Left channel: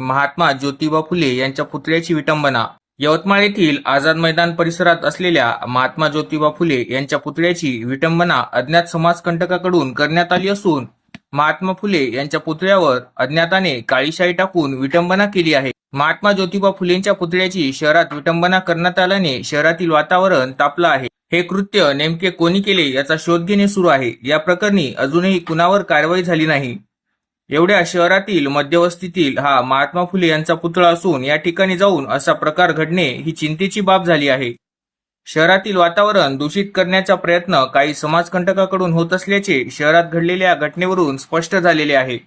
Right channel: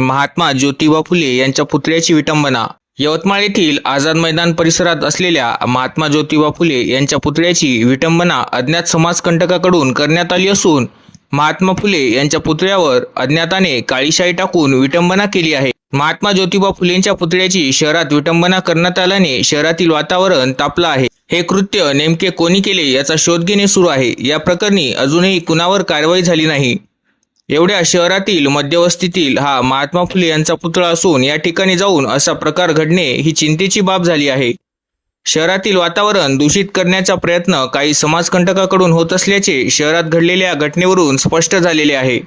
महात्मा ज्योतिबा फुले यांच्या पुतळ्याची विटंबना. यवतमाळ येथील आझाद मैदान परिसरात असलेल्या महात्मा ज्योतिबा फुले यांच्या पुतळ्याची विटंबना अज्ञात समाजकंटकाकडून करण्यात आली असून महात्मा फुले यांच्या पुतळ्यावर अज्ञाताने काळीशाई टाकून विटंबना केली आहे. महात्मा ज्योतिबा फुलेंच्या पुतळ्याची शहरात विटंबना करण्यात आल्याने शहरातील वातावरण तापलं आहे. हे कृत्य नेमके कोणी केले याचा शोध घेणे सुरू आहे. या प्रकरणी अजूनही कुणावर कारवाई झाली नाही. एवढ्या शहरातील मध्यवस्तीतील हा महात्मा फुले यांचा पुतळा असून या ठिकाणी जाऊन असा प्रकार घडणे ही चिंतेची बाब झाली आहे. शहरातील वातावरण दूषित करण्याचा प्रयत्न काही समाजकंटकाकडून होत असल्याचे शहरात घडलेल्या घटनेवरून स्पष्ट झालेले आहे.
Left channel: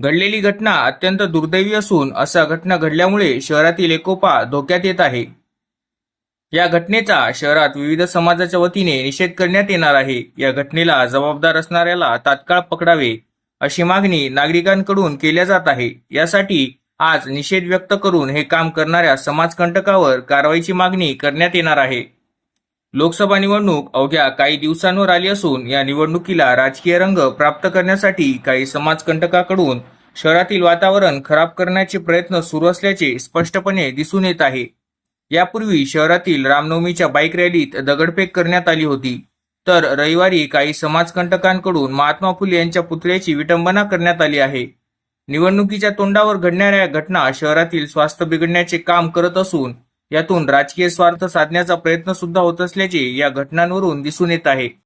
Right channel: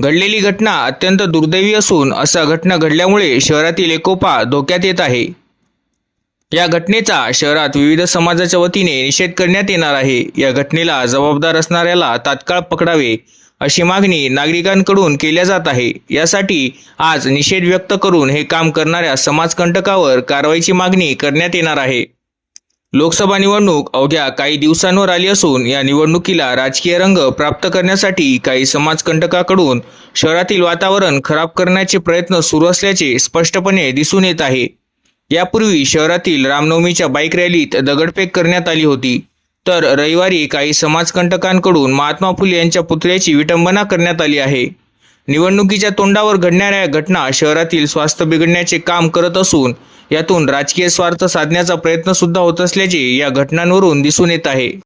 घडलेली घटना अत्यंत दुर्दैवी असून असा घटना घडल्यामुळे शहरातील एकोपा धोक्यात येत आहे. या घटनेचा शहरात विविध समाजाच्या वतीने निषेध करण्यात येणार आहे. या घटनेला जबाबदार असणाऱ्याला तात्काळ पकडावे अशी मागणी नागरिकांकडून केल्या जात आहे. यासाठी आज निषेध व्यक्त करून हे काम करणाऱ्या समाजकंटकावर कारवाईची मागणी करण्यात येणार आहे. लोकसभा निवडणूक अवघ्या काही दिवसांवर आली असून या निवडणुकीला राजकीय रंग प्राप्त करण्यासाठी काही समाजकंटकाकडून शहरातील वातावरण खराब करण्याचे प्रयत्न सुरू असल्याचे स्पष्टपणे दिसून येत आहे. यापूर्वी शहरातील रामनवमीच्या बाईक रॅलीत दगडफेक करण्यात आली होती. तर रविवारी काही समाजकंटकांकडून महात्मा फुले यांच्या पुतळ्याची विटंबना करण्यात आली आहे. निवडणुकीच्या तोंडावर घडणाऱ्या घटना शहरातील स्वास्थ्य बिघडण्याचे काम करत असून यातून राजकीय स्वार्थ साधण्याचा प्रयत्न सुद्धा होत असल्याचे या घटनांवरून दिसून येत आहे.